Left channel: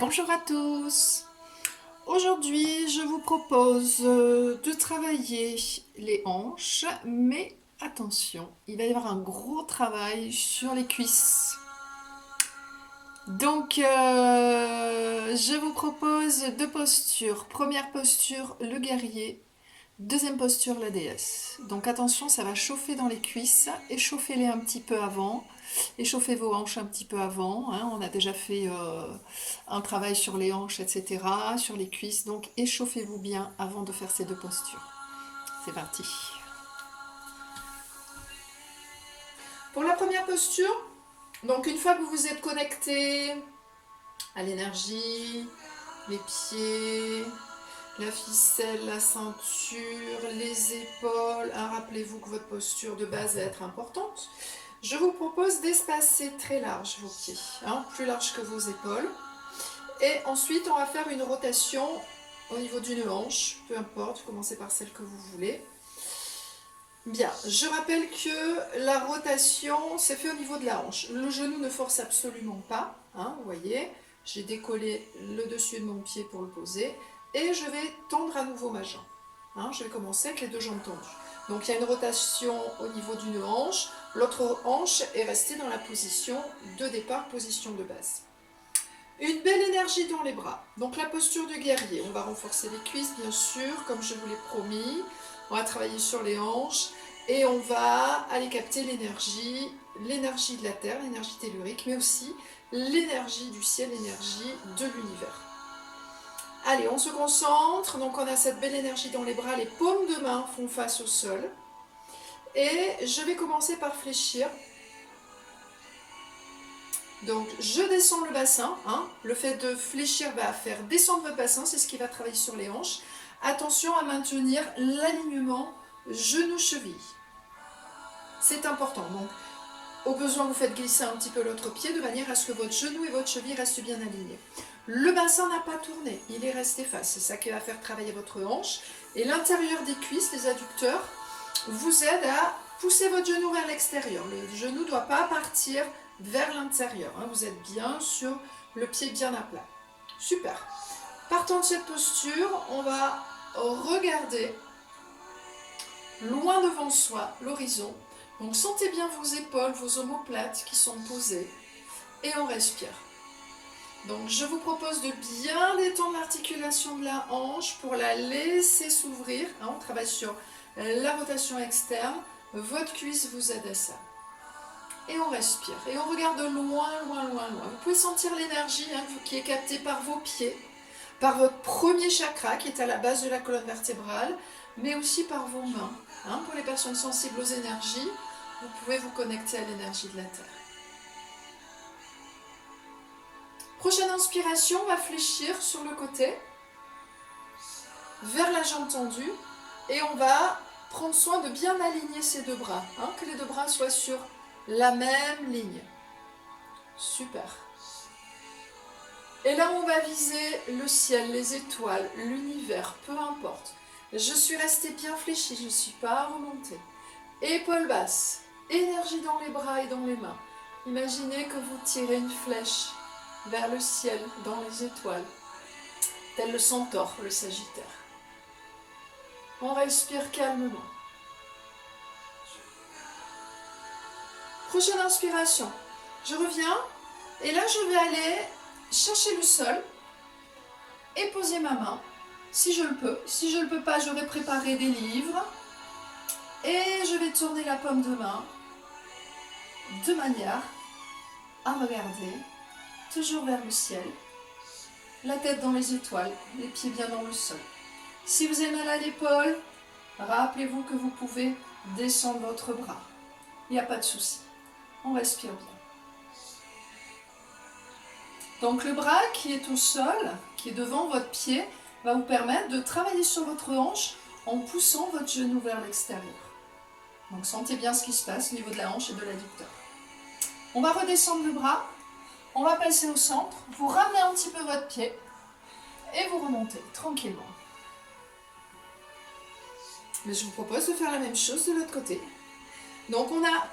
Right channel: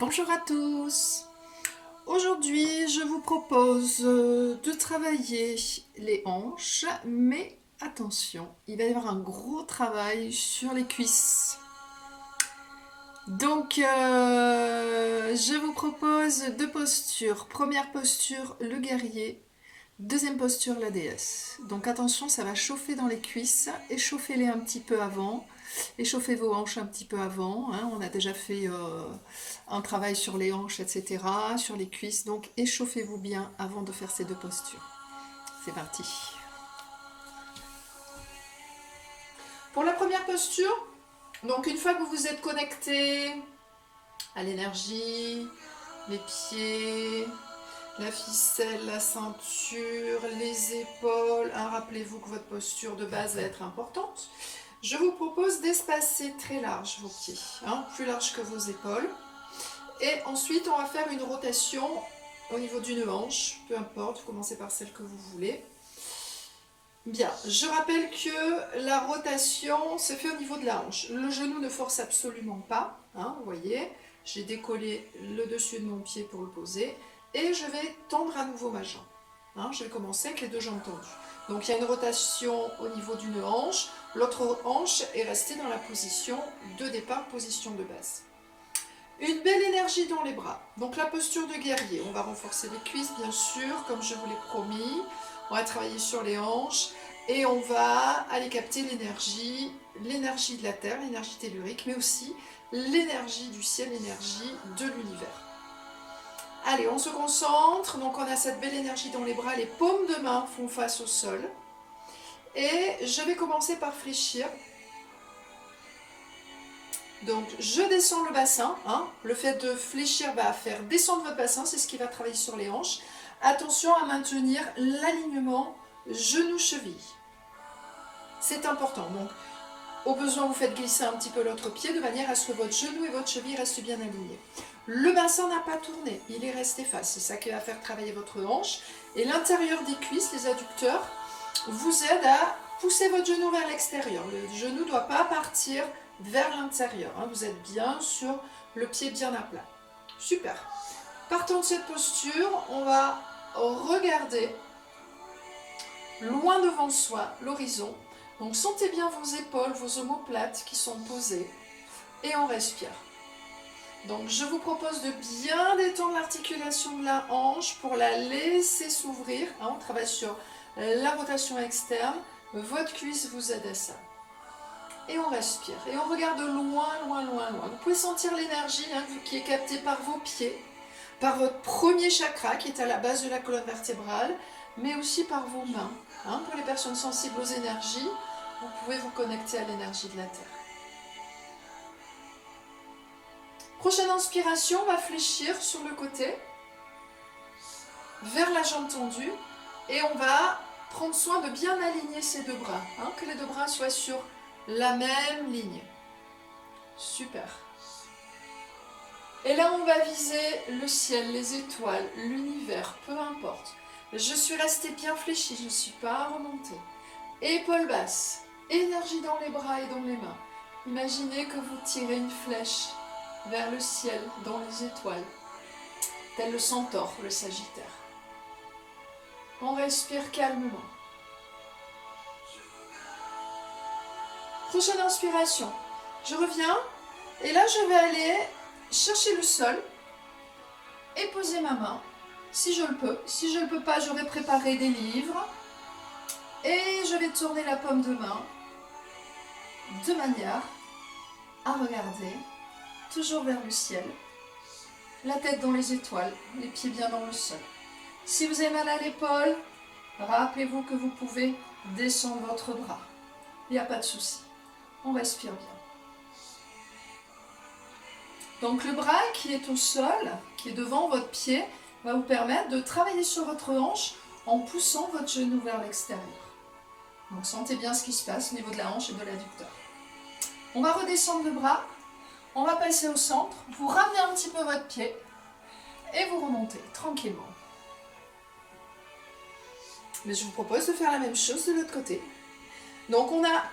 Bonjour à tous. Aujourd'hui, je vous propose de travailler les hanches, mais attention, il va y avoir un gros travail sur les cuisses. Donc, je vous propose deux postures. Première posture, le guerrier. Deuxième posture, la déesse. Donc attention, ça va chauffer dans les cuisses. Échauffez-les un petit peu avant. Échauffez vos hanches un petit peu avant. Hein. On a déjà fait un travail sur les hanches, etc. Sur les cuisses. Donc échauffez-vous bien avant de faire ces deux postures. C'est parti. Pour la première posture, donc une fois que vous vous êtes connecté à l'énergie, les pieds, la ficelle, la ceinture, les épaules. Hein, rappelez-vous que votre posture de base va être importante. Je vous propose d'espacer très large vos pieds, hein, plus large que vos épaules. Et ensuite, on va faire une rotation au niveau d'une hanche, peu importe, commencez par celle que vous voulez. Bien, je rappelle que la rotation, c'est fait au niveau de la hanche. Le genou ne force absolument pas, hein, vous voyez. J'ai décollé le dessus de mon pied pour le poser. Et je vais tendre à nouveau ma jambe. Hein, je vais commencer avec les deux jambes tendues. Donc il y a une rotation au niveau d'une hanche. L'autre hanche est restée dans la position de départ, position de base. Une belle énergie dans les bras. Donc la posture de guerrier. On va renforcer les cuisses, bien sûr, comme je vous l'ai promis. On va travailler sur les hanches. Et on va aller capter l'énergie de la Terre, l'énergie tellurique, mais aussi l'énergie du ciel, l'énergie de l'univers. Allez, on se concentre. Donc on a cette belle énergie dans les bras. Les paumes de main font face au sol. Et je vais commencer par fléchir. Donc je descends le bassin. Hein. Le fait de fléchir va faire descendre votre bassin. C'est ce qui va travailler sur les hanches. Attention à maintenir l'alignement genou-cheville. C'est important. Donc au besoin, vous faites glisser un petit peu l'autre pied de manière à ce que votre genou et votre cheville restent bien alignés. Le bassin n'a pas tourné, il est resté face. C'est ça qui va faire travailler votre hanche. Et l'intérieur des cuisses, les adducteurs, vous aide à pousser votre genou vers l'extérieur. Le genou ne doit pas partir vers l'intérieur. Hein. Vous êtes bien sur le pied bien à plat. Super. Partant de cette posture, on va regarder loin devant soi, l'horizon. Donc sentez bien vos épaules, vos omoplates qui sont posées et on respire. Donc je vous propose de bien détendre l'articulation de la hanche pour la laisser s'ouvrir. Hein, on travaille sur la rotation externe. Votre cuisse vous aide à ça. Et on respire. Et on regarde loin, loin, loin, loin. Vous pouvez sentir l'énergie hein, qui est captée par vos pieds, par votre premier chakra qui est à la base de la colonne vertébrale, mais aussi par vos mains. Hein, pour les personnes sensibles aux énergies, vous pouvez vous connecter à l'énergie de la Terre. Prochaine inspiration, on va fléchir sur le côté, vers la jambe tendue, et on va prendre soin de bien aligner ces deux bras, hein, que les deux bras soient sur la même ligne. Super. Et là, on va viser le ciel, les étoiles, l'univers, peu importe. Je suis restée bien fléchie, je ne suis pas remontée. Épaules basses, énergie dans les bras et dans les mains. Imaginez que vous tirez une flèche vers le ciel, dans les étoiles, tel le centaure, le sagittaire. On respire calmement. Prochaine inspiration. Je reviens et là je vais aller chercher le sol et poser ma main, si je le peux. Si je ne le peux pas, j'aurai préparé des livres et je vais tourner la paume de main de manière à regarder toujours vers le ciel, la tête dans les étoiles, les pieds bien dans le sol. Si vous avez mal à l'épaule, rappelez-vous que vous pouvez descendre votre bras. Il n'y a pas de souci. On respire bien. Donc le bras qui est au sol, qui est devant votre pied, va vous permettre de travailler sur votre hanche en poussant votre genou vers l'extérieur. Donc sentez bien ce qui se passe au niveau de la hanche et de l'adducteur. On va redescendre le bras, on va passer au centre, vous ramenez un petit peu votre pied et vous remontez tranquillement. Mais je vous propose de faire la même chose de l'autre côté. Donc on a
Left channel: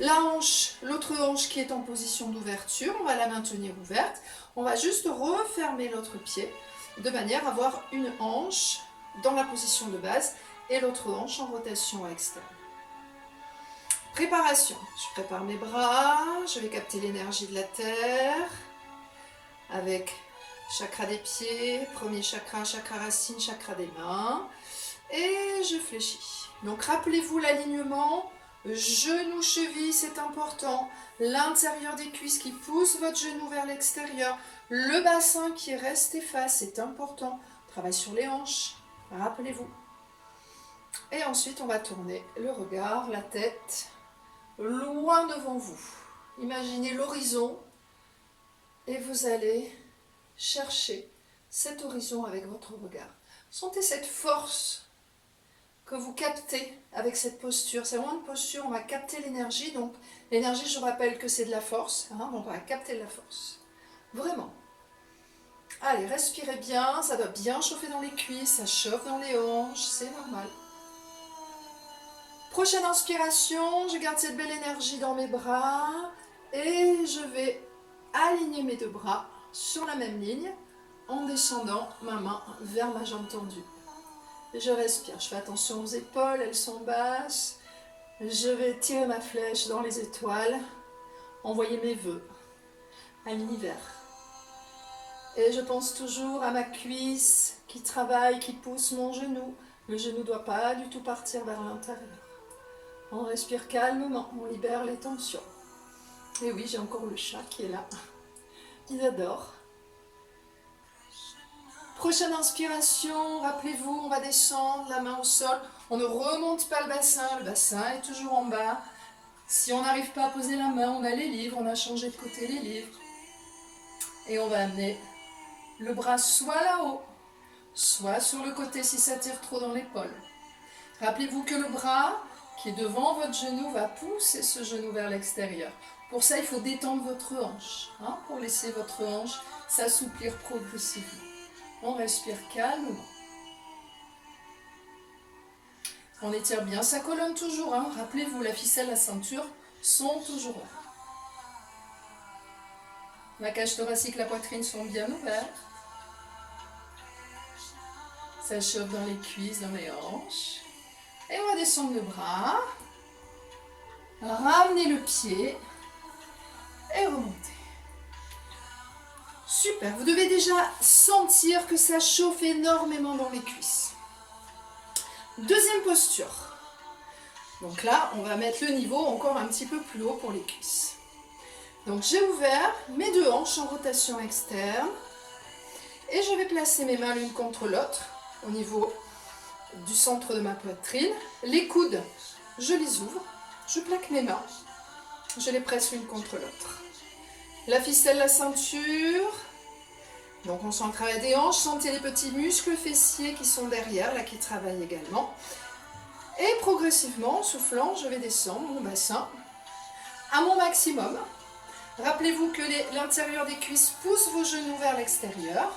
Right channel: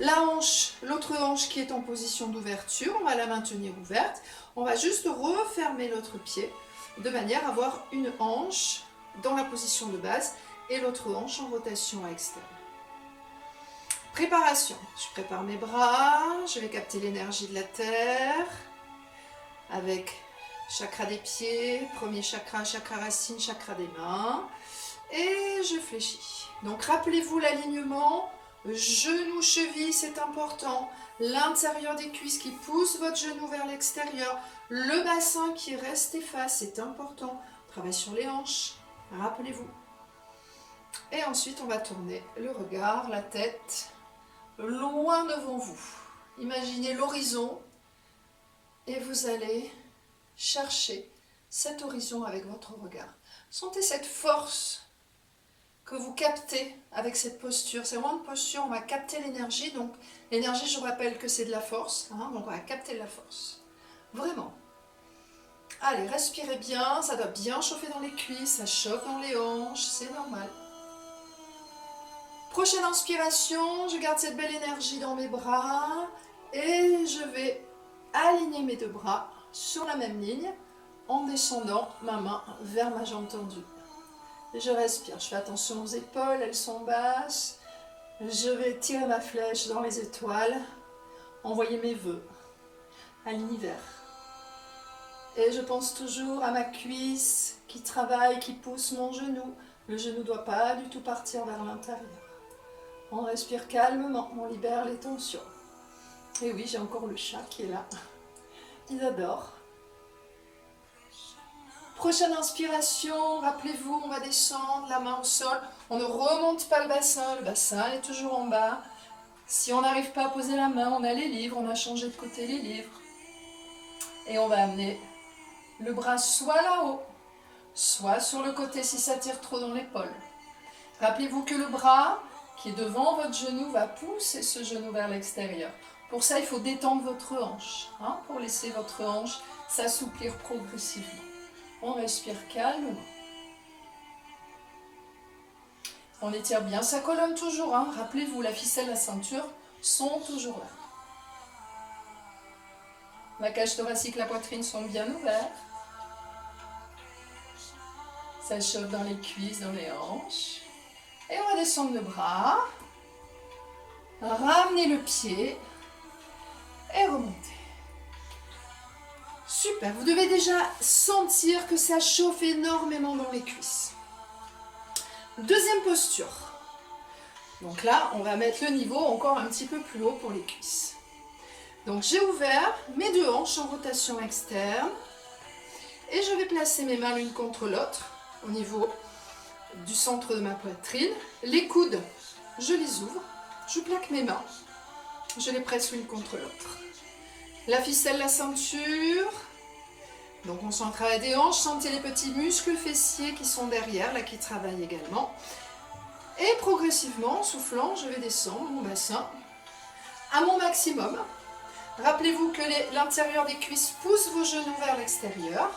La hanche, l'autre hanche qui est en position d'ouverture, on va la maintenir ouverte. On va juste refermer l'autre pied de manière à avoir une hanche dans la position de base et l'autre hanche en rotation externe. Préparation. Je prépare mes bras, je vais capter l'énergie de la terre avec chakra des pieds, premier chakra, chakra racine, chakra des mains. Et je fléchis. Donc rappelez-vous l'alignement, genou, cheville, c'est important. L'intérieur des cuisses qui pousse votre genou vers l'extérieur. Le bassin qui reste efface, c'est important. On travaille sur les hanches, rappelez-vous. Et ensuite, on va tourner le regard, la tête, loin devant vous. Imaginez l'horizon et vous allez chercher cet horizon avec votre regard. Sentez cette force que vous captez avec cette posture. C'est vraiment une posture, on va capter l'énergie. Donc l'énergie, je vous rappelle que c'est de la force. Donc on va capter de la force. Vraiment. Allez, respirez bien. Ça doit bien chauffer dans les cuisses. Ça chauffe dans les hanches. C'est normal. Prochaine inspiration. Je garde cette belle énergie dans mes bras. Et je vais aligner mes deux bras sur la même ligne en descendant ma main vers ma jambe tendue. Je respire, je fais attention aux épaules, elles sont basses. Je vais tirer ma flèche dans les étoiles, envoyer mes vœux à l'univers. Et je pense toujours à ma cuisse qui travaille, qui pousse mon genou. Le genou ne doit pas du tout partir vers l'intérieur. On respire calmement, on libère les tensions. Et oui, j'ai encore le chat qui est là. Il adore. Prochaine inspiration, rappelez-vous, on va descendre, la main au sol. On ne remonte pas le bassin est toujours en bas. Si on n'arrive pas à poser la main, on a les livres, on a changé de côté les livres. Et on va amener le bras soit là-haut, soit sur le côté si ça tire trop dans l'épaule. Rappelez-vous que le bras qui est devant votre genou va pousser ce genou vers l'extérieur. Pour ça, il faut détendre votre hanche, pour laisser votre hanche s'assouplir progressivement. On respire calmement. On étire bien sa colonne toujours. Rappelez-vous, la ficelle, la ceinture sont toujours là. La cage thoracique, la poitrine sont bien ouvertes. Ça chauffe dans les cuisses, dans les hanches. Et on va descendre le bras. Ramener le pied. Et remonter. Super, vous devez déjà sentir que ça chauffe énormément dans les cuisses. Deuxième posture. Donc là, on va mettre le niveau encore un petit peu plus haut pour les cuisses. Donc j'ai ouvert mes deux hanches en rotation externe. Et je vais placer mes mains l'une contre l'autre au niveau du centre de ma poitrine. Les coudes, je les ouvre. Je plaque mes mains. Je les presse l'une contre l'autre. La ficelle, la ceinture. Donc on sent le travail des hanches. Sentez les petits muscles fessiers qui sont derrière, là qui travaillent également. Et progressivement, en soufflant, je vais descendre mon bassin à mon maximum. Rappelez-vous que l'intérieur des cuisses pousse vos genoux vers l'extérieur.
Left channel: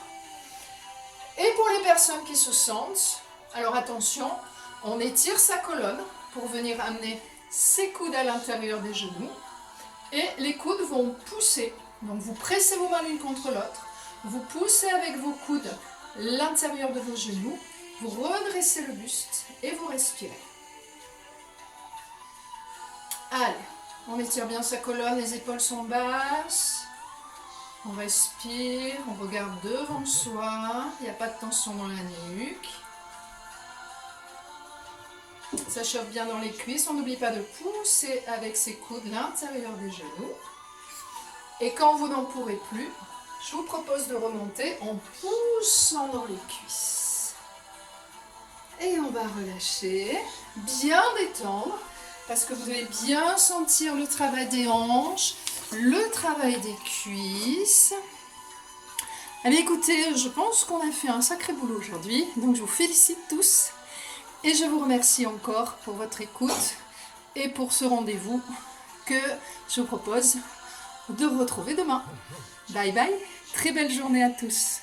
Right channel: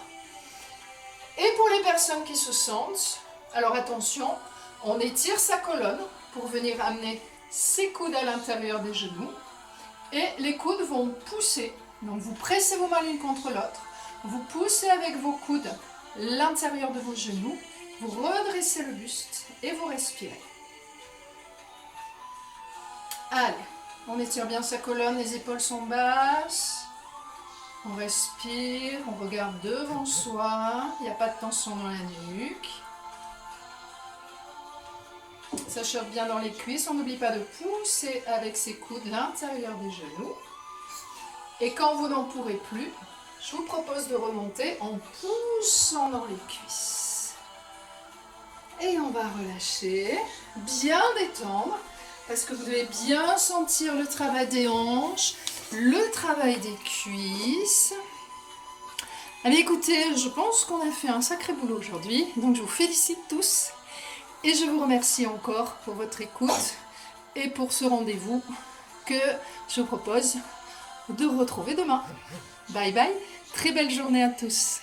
Et pour les personnes qui se sentent, alors attention, on étire sa colonne pour venir amener ses coudes à l'intérieur des genoux. Et les coudes vont pousser. Donc vous pressez vos mains l'une contre l'autre. Vous poussez avec vos coudes l'intérieur de vos genoux. Vous redressez le buste et vous respirez. Allez, on étire bien sa colonne, les épaules sont basses. On respire, on regarde devant soi. Il n'y a pas de tension dans la nuque. Ça chauffe bien dans les cuisses. On n'oublie pas de pousser avec ses coudes l'intérieur des genoux. Et quand vous n'en pourrez plus, je vous propose de remonter en poussant dans les cuisses. Et on va relâcher, bien détendre, parce que vous devez bien sentir le travail des hanches, le travail des cuisses. Allez, écoutez, je pense qu'on a fait un sacré boulot aujourd'hui, donc je vous félicite tous. Et je vous remercie encore pour votre écoute et pour ce rendez-vous que je vous propose de retrouver demain. Bye bye, très belle journée à tous.